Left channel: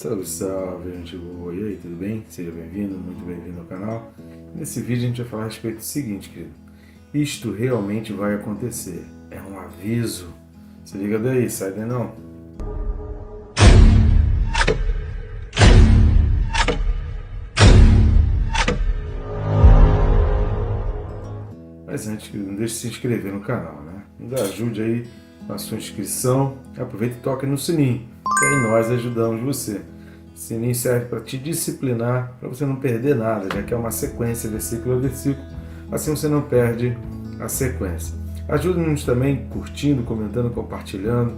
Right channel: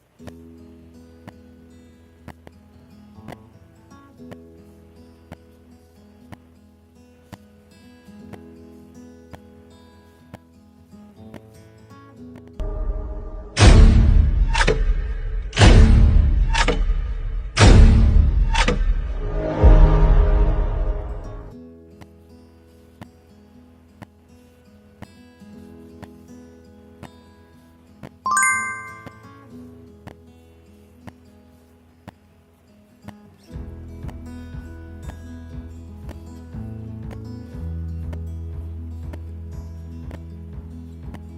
Salve, salve, gente boa! E aí, tudo bem? Seja bem-vindo, muito bem-vindo ao canal. Nesse vídeo a gente vai falar a respeito do seguinte, querido. Isto realmente vai acontecer. É um aviso. Se liga daí, sai daí não. Mas antes, não deixe de se inscrever no canal, né? Nos ajude aí na sua inscrição. Aproveita e toque no sininho. E aí nós ajudamos você. O sininho serve para te disciplinar, para você não perder nada, já que é uma sequência, versículo a versículo. Assim você não perde a sequência. Ajude-nos também curtindo, comentando, compartilhando,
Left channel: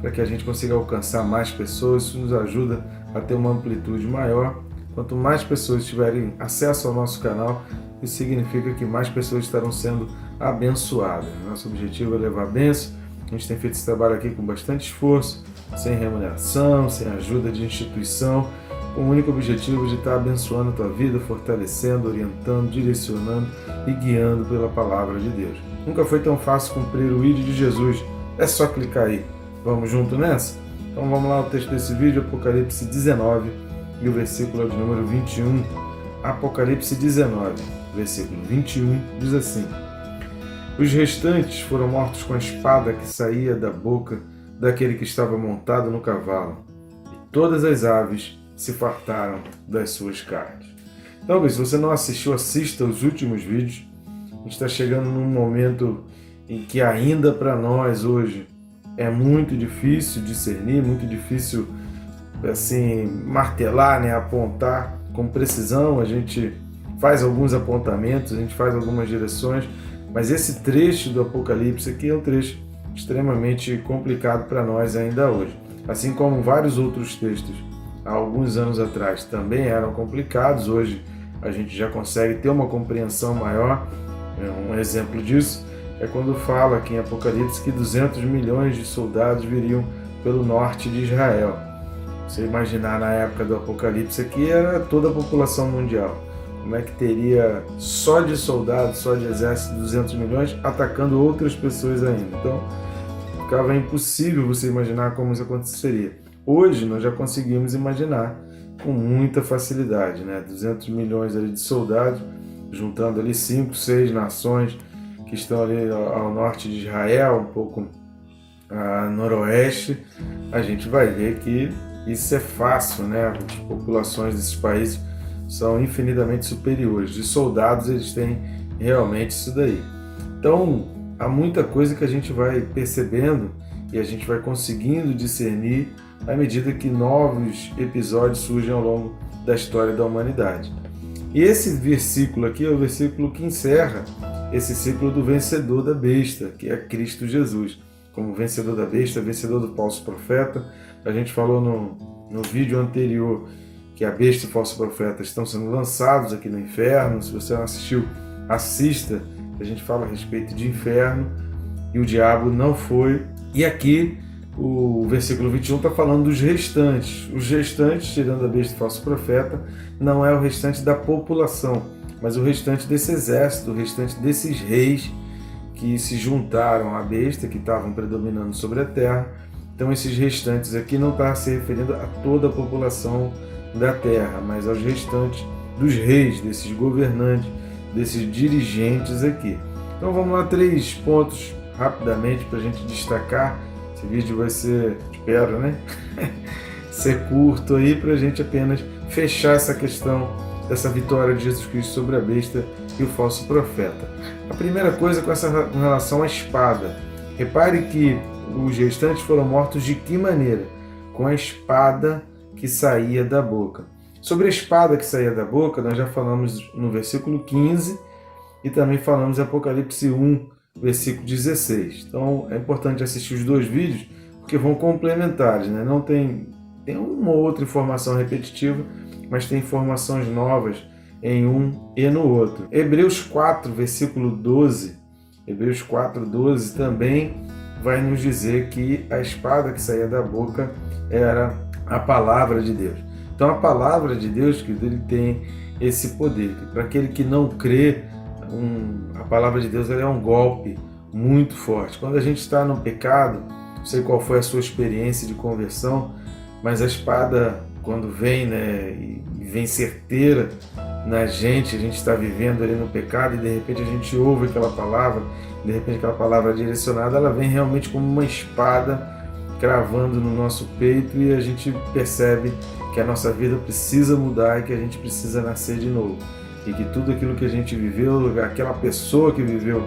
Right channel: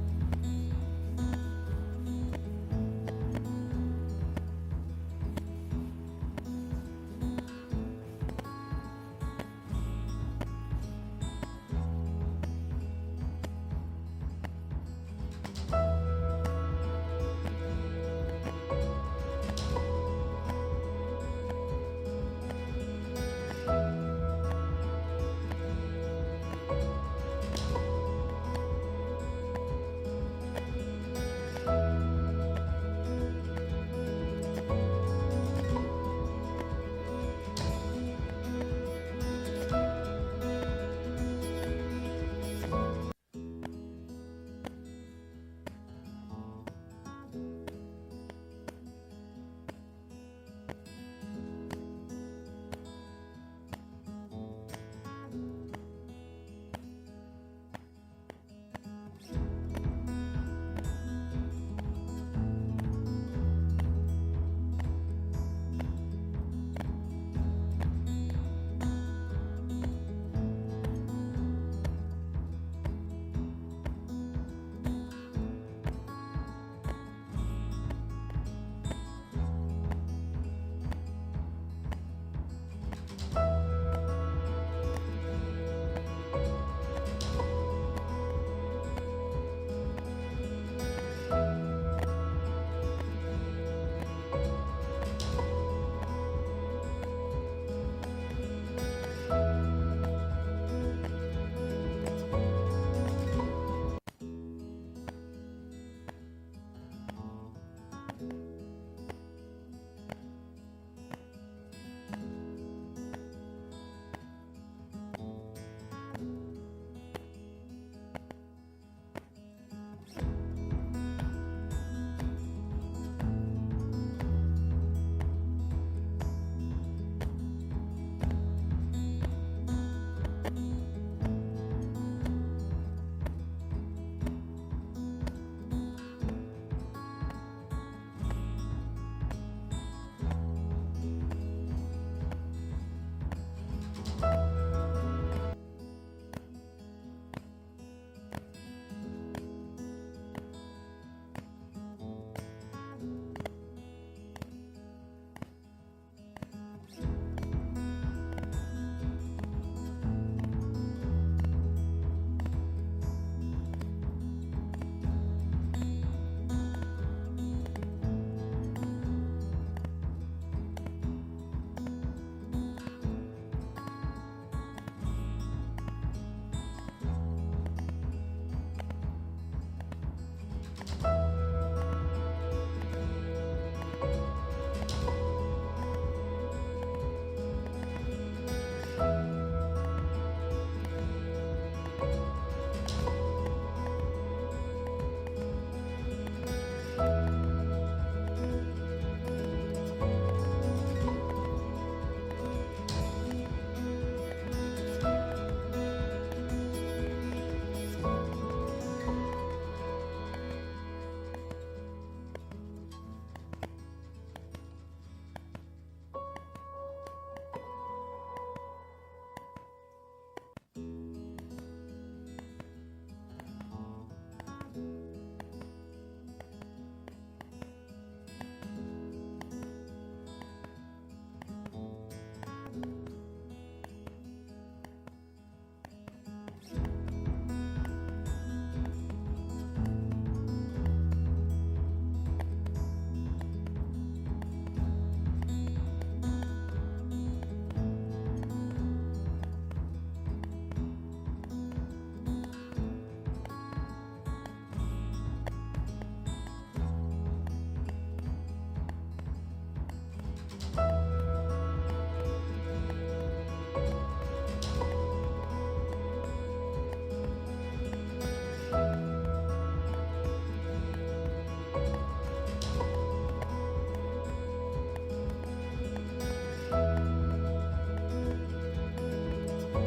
para que a gente consiga alcançar mais pessoas. Isso nos ajuda a ter uma amplitude maior. Quanto mais pessoas tiverem acesso ao nosso canal, isso significa que mais pessoas estarão sendo abençoadas. Nosso objetivo é levar a bênção. A gente tem feito esse trabalho aqui com bastante esforço, sem remuneração, sem ajuda de instituição, com o único objetivo de estar abençoando a tua vida, fortalecendo, orientando, direcionando e guiando pela palavra de Deus. Nunca foi tão fácil cumprir o ID de Jesus. É só clicar aí. Vamos junto nessa? Então vamos lá, o texto desse vídeo, Apocalipse 19 e o versículo de número 21. Apocalipse 19, versículo 21, diz assim: Os restantes foram mortos com a espada que saía da boca daquele que estava montado no cavalo, e todas as aves se fartaram das suas carnes. Então, se você não assistiu, assista os últimos vídeos. A gente está chegando num momento em que ainda para nós hoje é muito difícil discernir, muito difícil assim martelar, né, apontar com precisão. A gente faz alguns apontamentos, a gente faz algumas direções, mas esse trecho do Apocalipse aqui é um trecho extremamente complicado para nós ainda hoje. Assim como vários outros textos há alguns anos atrás também eram complicados, hoje a gente já consegue ter uma compreensão maior. Um exemplo disso é quando fala aqui em Apocalipse que 200 milhões de soldados viriam pelo norte de Israel. Você imaginar na época do Apocalipse aqui era toda a população mundial. Como é que teria só de soldados, só de exército, 200 milhões atacando outras pessoas ainda? Então, ficava impossível você imaginar como isso aconteceria. Hoje, nós já conseguimos imaginar com muita facilidade, né? 200 milhões ali de soldados, juntando ali 5, 6 nações que estão ali ao norte de Israel, um pouco a noroeste. A gente vai ver que isso é fácil, né? As populações desses países são infinitamente superiores. De soldados, eles têm realmente isso daí. Então, há muita coisa que a gente vai percebendo e a gente vai conseguindo discernir à medida que novos episódios surgem ao longo da história da humanidade. E esse versículo aqui é o versículo que encerra esse ciclo do vencedor da besta, que é Cristo Jesus. Como vencedor da besta, vencedor do falso profeta. A gente falou no vídeo anterior que a besta e o falso profeta estão sendo lançados aqui no inferno. Se você não assistiu, assista. A gente fala a respeito de inferno e o diabo não foi. E aqui o versículo 21 está falando dos restantes. Os restantes, tirando a besta e o falso profeta, não é o restante da população, mas o restante desse exército, o restante desses reis que se juntaram à besta, que estavam predominando sobre a terra. Então esses restantes aqui não está se referindo a toda a população da terra, mas aos restantes dos reis, desses governantes, desses dirigentes aqui. Então vamos lá, 3 pontos rapidamente para a gente destacar. Esse vídeo vai ser, espero, né? ser curto aí para a gente apenas fechar essa questão dessa vitória de Jesus Cristo sobre a besta e o falso profeta. A primeira coisa com relação à espada. Repare que os restantes foram mortos de que maneira? Com a espada que saía da boca. Sobre a espada que saía da boca, nós já falamos no versículo 15 e também falamos em Apocalipse 1, versículo 16. Então é importante assistir os 2 vídeos porque vão complementares, né? Não tem uma ou outra informação repetitiva, mas tem informações novas em um e no outro. Hebreus 4, versículo 12. Hebreus 4, 12 também vai nos dizer que a espada que saía da boca era a palavra de Deus. Então a palavra de Deus, que ele tem esse poder. Para aquele que não crê, a palavra de Deus ela é um golpe muito forte. Quando a gente está no pecado, não sei qual foi a sua experiência de conversão, mas a espada quando vem, né, e vem certeira na gente, a gente está vivendo ali no pecado e de repente a gente ouve aquela palavra, de repente aquela palavra direcionada, ela vem realmente como uma espada cravando no nosso peito e a gente percebe que a nossa vida precisa mudar e que a gente precisa nascer de novo. E que tudo aquilo que a gente viveu, aquela pessoa que viveu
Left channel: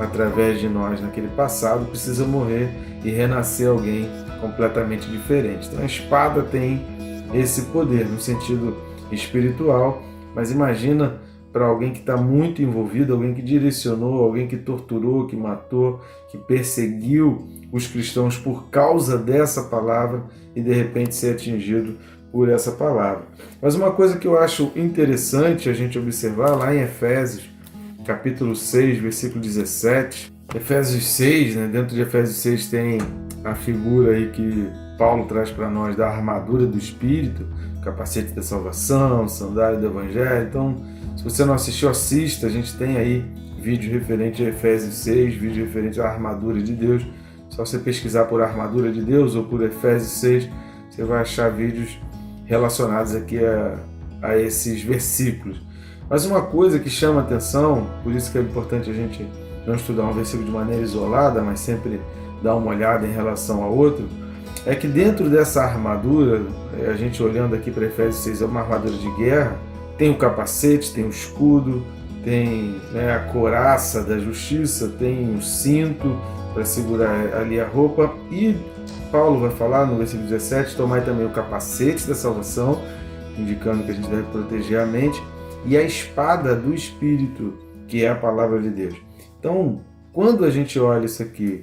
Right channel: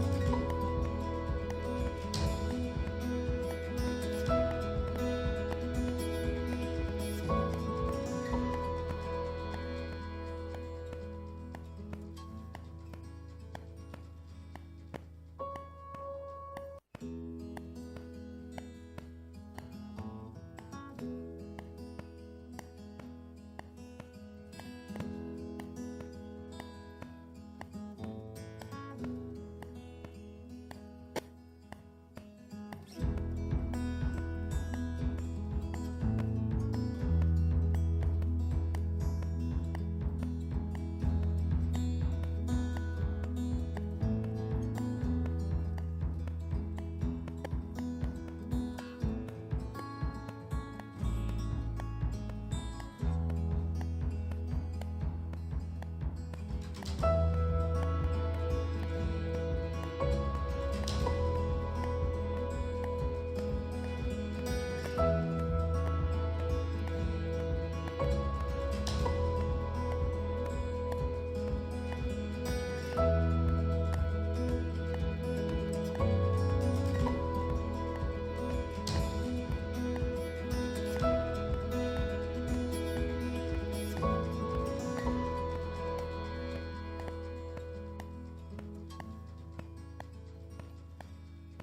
através de nós naquele passado, precisa morrer e renascer alguém completamente diferente. Então a espada tem esse poder no sentido espiritual, mas imagina para alguém que está muito envolvido, alguém que direcionou, alguém que torturou, que matou, que perseguiu os cristãos por causa dessa palavra e de repente ser atingido por essa palavra. Mas uma coisa que eu acho interessante a gente observar lá em Efésios, capítulo 6, versículo 17, Efésios 6, né, dentro de Efésios 6 tem a figura aí que Paulo traz para nós da armadura do Espírito, capacete da salvação, sandália do Evangelho. Então, se você não assistiu, assista, a gente tem aí vídeo referente a Efésios 6, vídeo referente à armadura de Deus. Só você pesquisar por armadura de Deus ou por Efésios 6, você vai achar vídeos relacionados aqui a esses versículos. Mas uma coisa que chama atenção, por isso que é importante a gente não estudar um versículo de maneira isolada, mas sempre dar uma olhada em relação a outro, é que dentro dessa armadura, a gente olhando aqui para Efésios 6, é uma armadura de guerra, tem o capacete, tem o escudo, tem, né, a couraça da justiça, tem o cinto para segurar ali a roupa, e Paulo vai falar no versículo 17, tomai também o capacete da salvação, indicando que a gente deve proteger a mente, e a espada do Espírito, que é a palavra de Deus. Então, quando a gente olha isso aqui,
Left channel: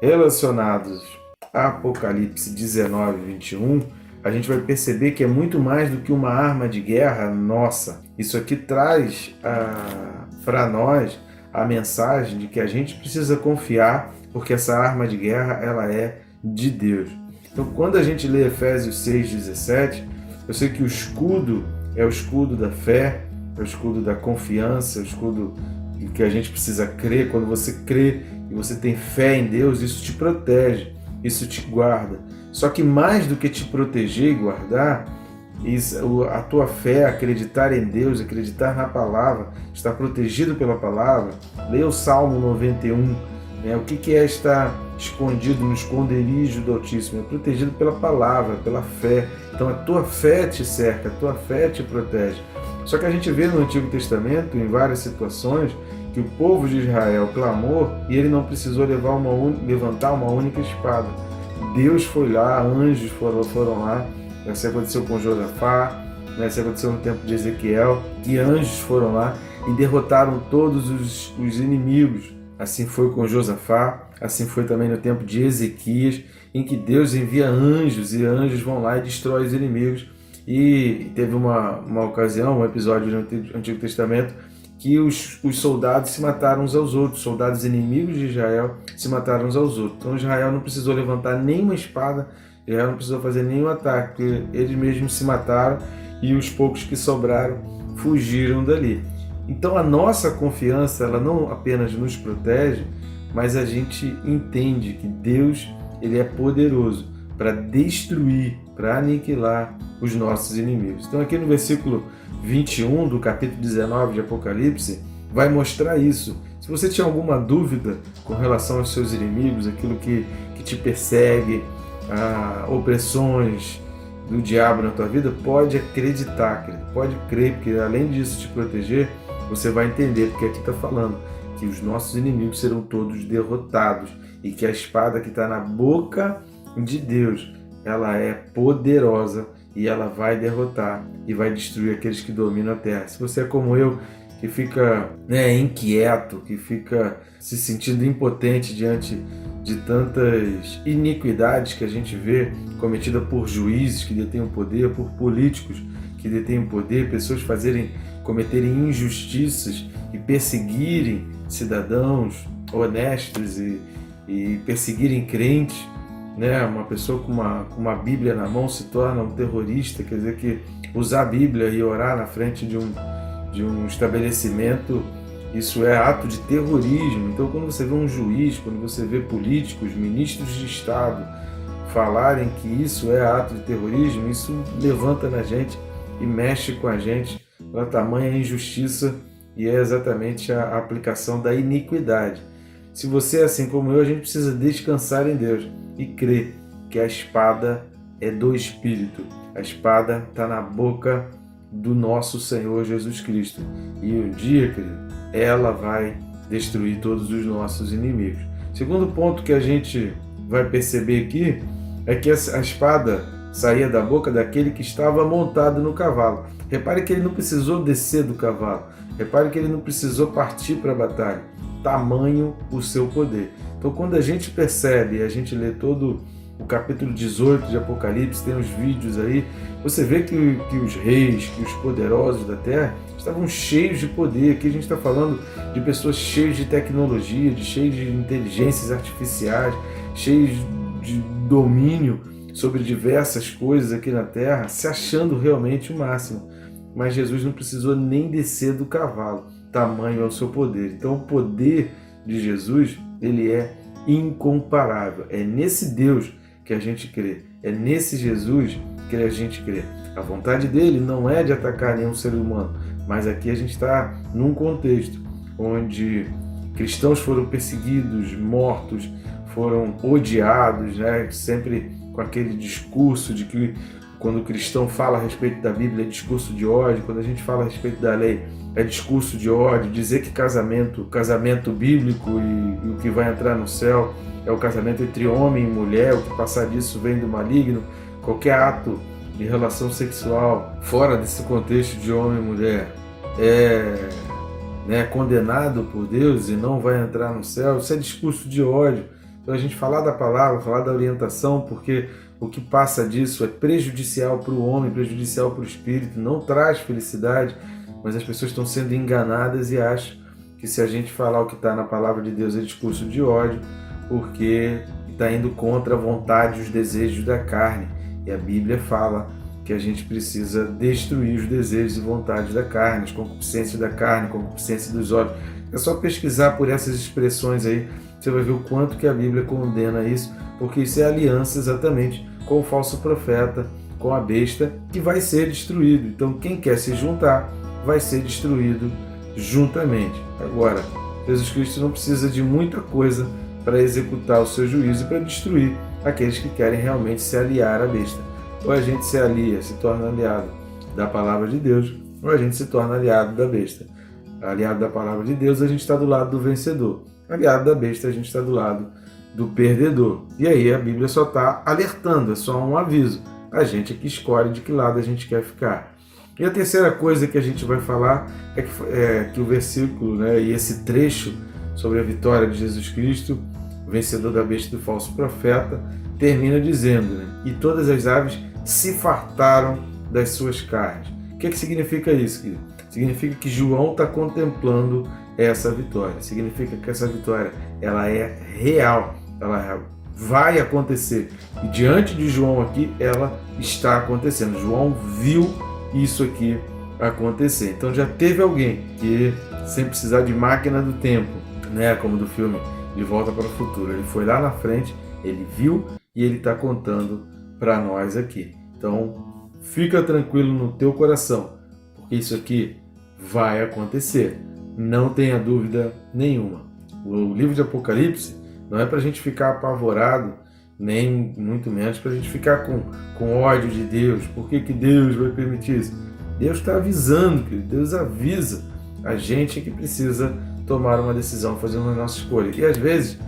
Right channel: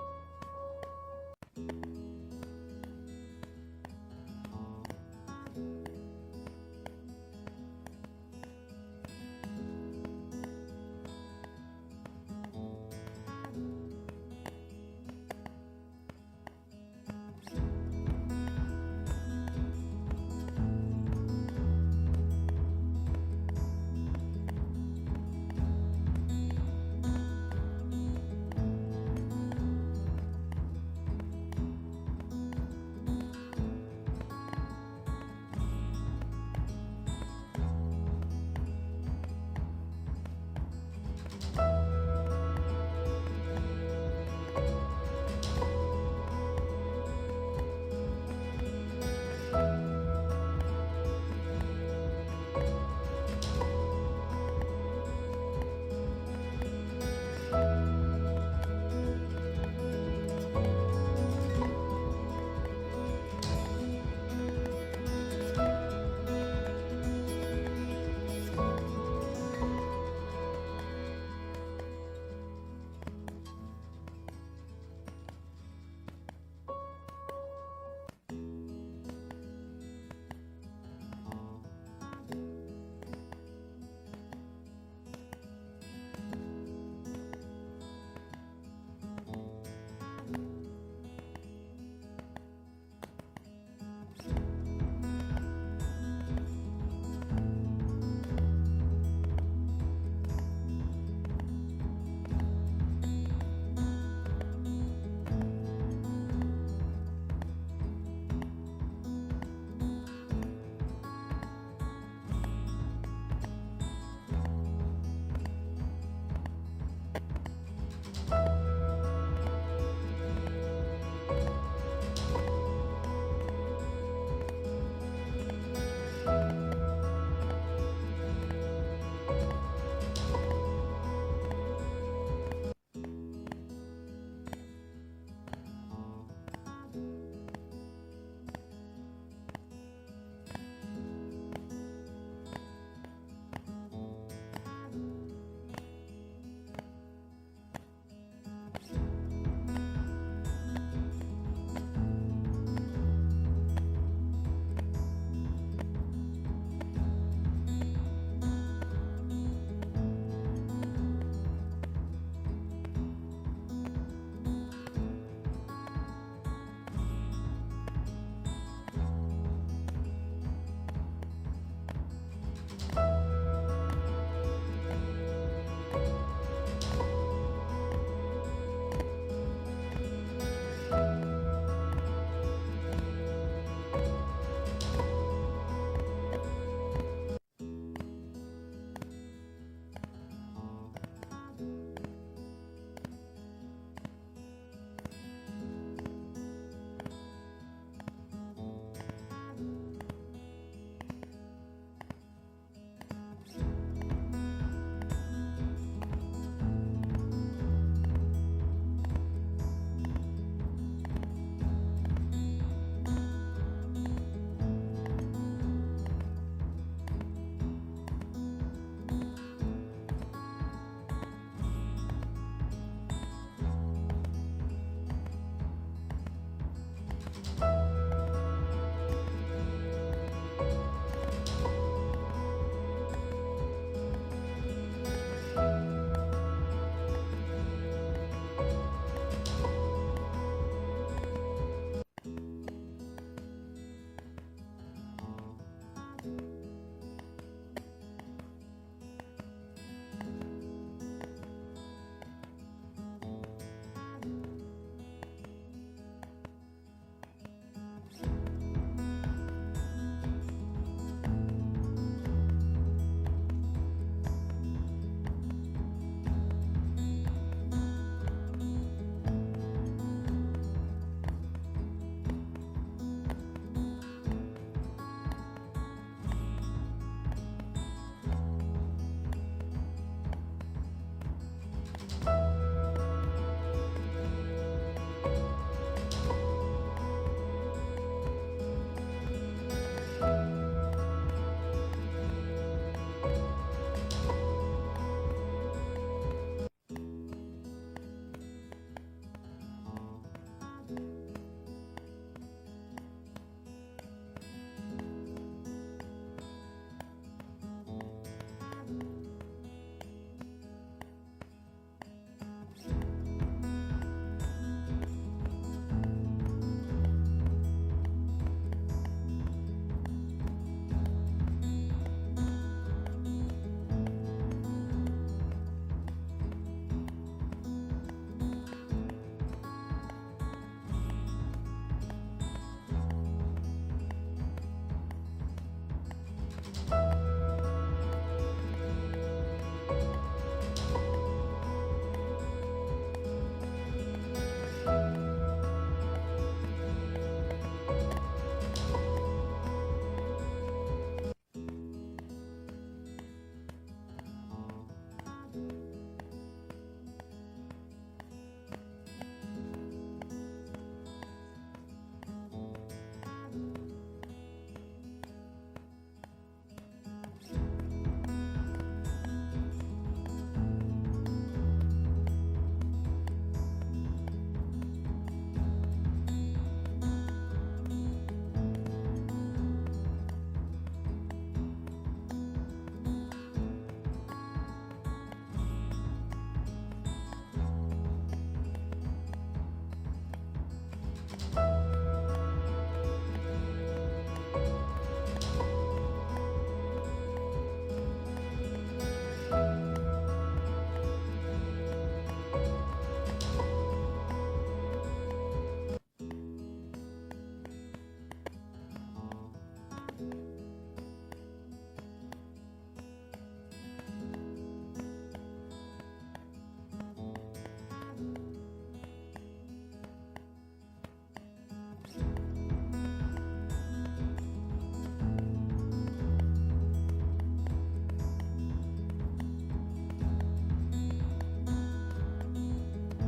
relacionados a Apocalipse 19, 21, a gente vai perceber que é muito mais do que uma arma de guerra nossa. Isso aqui traz para nós a mensagem de que a gente precisa confiar, porque essa arma de guerra ela é de Deus. Então, quando a gente lê Efésios 6,17, eu sei que o escudo é o escudo da fé, é o escudo da confiança, é o escudo que a gente precisa crer. Quando você crê e você tem fé em Deus, isso te protege, isso te guarda. Só que mais do que te proteger e guardar, a tua fé, acreditar em Deus, acreditar na palavra, estar protegido pela palavra. Leia o Salmo 91, né? O que é estar escondido no esconderijo do Altíssimo? É protegido pela palavra, pela fé. Então a tua fé te cerca, a tua fé te protege. Só que a gente vê no Antigo Testamento, em várias situações, que o povo de Israel clamou e ele não precisou levantar uma única espada. Deus foi lá, anjos foram lá. Isso aconteceu com Josafá, isso aconteceu no tempo de Ezequiel, e anjos foram lá e derrotaram todos os inimigos. Assim foi com Josafá, assim foi também no tempo de Ezequias, em que Deus envia anjos e anjos vão lá e destroem os inimigos. E teve uma ocasião, um episódio no Antigo Testamento, que os soldados se mataram uns aos outros, soldados inimigos de Israel se mataram uns aos outros. Então Israel não precisou levantar nenhuma espada, Israel não precisou fazer nenhum ataque, porque eles mesmos se mataram e os poucos que sobraram fugiram dali. Então a nossa confiança, ela não apenas nos protege, mas a gente entende que Deus, ele é poderoso para destruir, para aniquilar os nossos inimigos. Então aqui no versículo 21 do capítulo 19 de Apocalipse, vai mostrar isso. Se você tinha alguma dúvida com relação aos seus inimigos, aquilo que te persegue, opressões do diabo na tua vida, pode acreditar, pode crer, porque além disso te proteger, você vai entender que aqui está falando que os nossos inimigos serão todos derrotados e que a espada que está na boca de Deus, ela é poderosa e ela vai derrotar e vai destruir aqueles que dominam a terra. Se você é como eu, que fica inquieto, que fica se sentindo impotente diante de tantas iniquidades que a gente vê cometidas por juízes que detêm o poder, por políticos que detêm o poder, pessoas cometerem injustiças e perseguirem cidadãos honestos e perseguirem crentes, né? Uma pessoa com uma Bíblia na mão se torna um terrorista, quer dizer que usar a Bíblia e orar na frente de um estabelecimento, isso é ato de terrorismo. Então quando você vê um juiz, quando você vê políticos, ministros de Estado falarem que isso é ato de terrorismo, isso levanta na gente e mexe com a gente pela tamanha injustiça, e é exatamente a aplicação da iniquidade. Se você é assim como eu, a gente precisa descansar em Deus e crer que a espada é do Espírito. A espada está na boca do nosso Senhor Jesus Cristo. E um dia, querido, ela vai destruir todos os nossos inimigos. Segundo ponto que a gente vai perceber aqui é que a espada saía da boca daquele que estava montado no cavalo. Repare que ele não precisou descer do cavalo. Repare que ele não precisou partir para a batalha. Tamanho o seu poder. Então, quando a gente percebe, a gente lê todo o capítulo 18 de Apocalipse, tem os vídeos aí, você vê que os reis, que os poderosos da terra estavam cheios de poder. Aqui a gente está falando de pessoas cheias de tecnologia, cheias de inteligências artificiais, cheios de domínio sobre diversas coisas aqui na terra, se achando realmente o máximo. Mas Jesus não precisou nem descer do cavalo, tamanho é o seu poder. Então o poder de Jesus, ele é incomparável. É nesse Deus que a gente crê, é nesse Jesus que a gente crê. A vontade dele não é de atacar nenhum ser humano, mas aqui a gente está num contexto onde cristãos foram perseguidos, mortos, foram odiados, né? Sempre com aquele discurso de que quando o cristão fala a respeito da Bíblia é discurso de ódio, quando a gente fala a respeito da lei é discurso de ódio, dizer que casamento bíblico e o que vai entrar no céu é o casamento entre homem e mulher, o que passar disso vem do maligno. Qualquer ato de relação sexual fora desse contexto de homem e mulher é condenado por Deus e não vai entrar no céu. Isso é discurso de ódio. Então a gente falar da palavra, falar da orientação, porque o que passa disso é prejudicial para o homem, prejudicial para o espírito, não traz felicidade, mas as pessoas estão sendo enganadas e acham que se a gente falar o que está na palavra de Deus é discurso de ódio, porque está indo contra a vontade e os desejos da carne. E a Bíblia fala que a gente precisa destruir os desejos e vontades da carne, as concupiscências da carne, a concupiscência dos olhos. É só pesquisar por essas expressões aí, você vai ver o quanto que a Bíblia condena isso, porque isso é aliança exatamente com o falso profeta, com a besta, que vai ser destruído. Então quem quer se juntar vai ser destruído juntamente. Agora, Jesus Cristo não precisa de muita coisa para executar o seu juízo e para destruir aqueles que querem realmente se aliar à besta. Ou a gente se alia, se torna aliado da palavra de Deus, ou a gente se torna aliado da besta. Aliado da palavra de Deus, a gente está do lado do vencedor. Aliado da besta, a gente está do lado do perdedor. E aí a Bíblia só está alertando, é só um aviso. A gente é que escolhe de que lado a gente quer ficar. E a terceira coisa que a gente vai falar é que o versículo, né, e esse trecho sobre a vitória de Jesus Cristo, vencedor da besta e do falso profeta, termina dizendo, né, e todas as aves se fartaram das suas carnes. O que significa isso, querido? Significa que João está contemplando essa vitória. Significa que essa vitória ela é real, ela vai acontecer. E diante de João aqui, ela está acontecendo. João viu isso aqui acontecer. Então já teve alguém que, sem precisar de máquina do tempo, né, como do filme De Volta para o Futuro, ele foi lá na frente, ele viu e ele está contando para nós aqui. Então fica tranquilo no teu coração, porque isso aqui vai acontecer. Não tenha dúvida nenhuma. O livro de Apocalipse não é para a gente ficar apavorado, nem muito menos para a gente ficar com ódio de Deus. Por que Deus vai permitir isso? Deus está avisando, Deus avisa a gente que precisa tomar uma decisão, fazer uma nossa escolha. E às vezes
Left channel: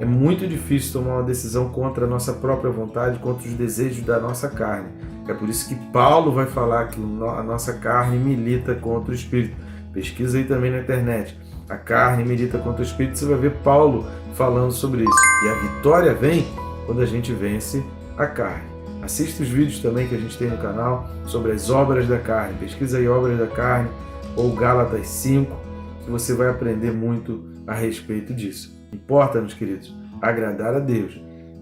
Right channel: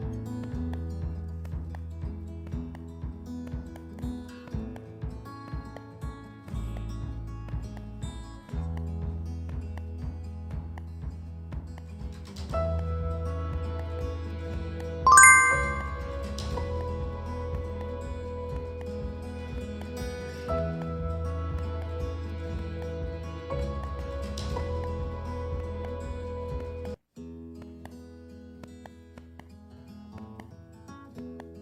é muito difícil tomar uma decisão contra a nossa própria vontade, contra os desejos da nossa carne. É por isso que Paulo vai falar que a nossa carne milita contra o Espírito. Pesquisa aí também na internet. A carne milita contra o Espírito, você vai ver Paulo falando sobre isso. E a vitória vem quando a gente vence a carne. Assista os vídeos também que a gente tem no canal sobre as obras da carne. Pesquisa aí obras da carne ou Gálatas 5, que você vai aprender muito a respeito disso. Importa, meus queridos, agradar a Deus,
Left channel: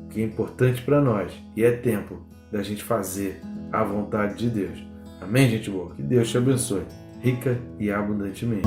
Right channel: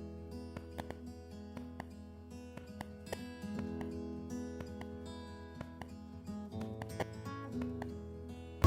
que é importante para nós. E é tempo da gente fazer a vontade de Deus. Amém, gente boa? Que Deus te abençoe, rica e abundantemente.